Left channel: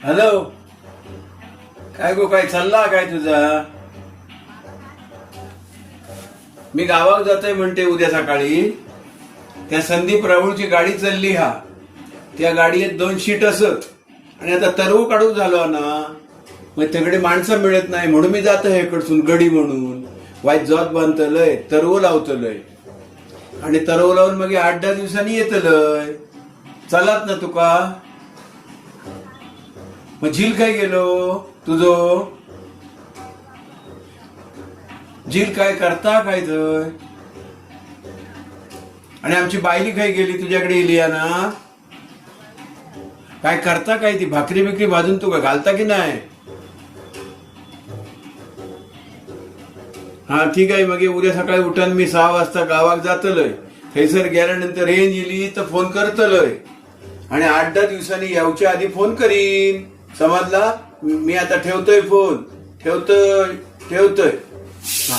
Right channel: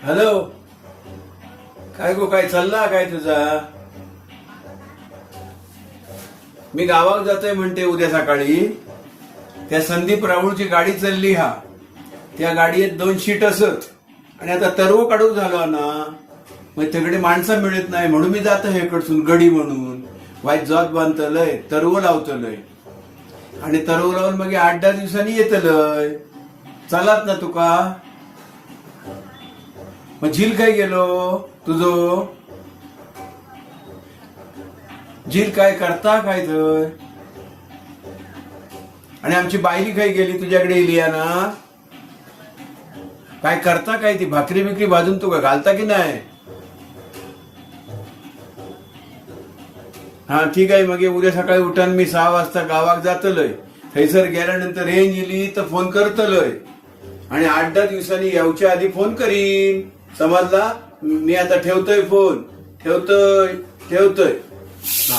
Hello. काय गो, काय चालला काय तुझा? मी गावात जातोय म्हणते उद्या सकाळी. त्या संदीप राहुळची गाडी चालली हा. त्या गाडीत 2 शीट असत आणि आता तरव काढूक झालो ना, मग तिकडे माणसं मिळत नाही म्हणून मी जातो हेकडसून गडी म्हणून वाईट जोत बांधतलय, तरव लावतलय आणि तरव लावून मग 8-10 दिवसांनी येतलय. चलात ना तुका. मग झील काय गेलो तुझो? झील काय करता काय थंय? आणि आमची बायली काय गेली तुझ्याकडे येली ना? काय करता काय ती? भाकरी बिकरी भाजून तू घालता की नाही? हा ठीक आहे. मग उद्या सकाळी उठान मी 6 वाजता गावात जातलय. थैसर गेल्यानंतर रेंज येली तर फोन करतलय आणि 8-10 दिवसांनी यावच्या आधी फोन करीन. समजला? मी आता ठेवतोय फोन. ठेवतोय. हा.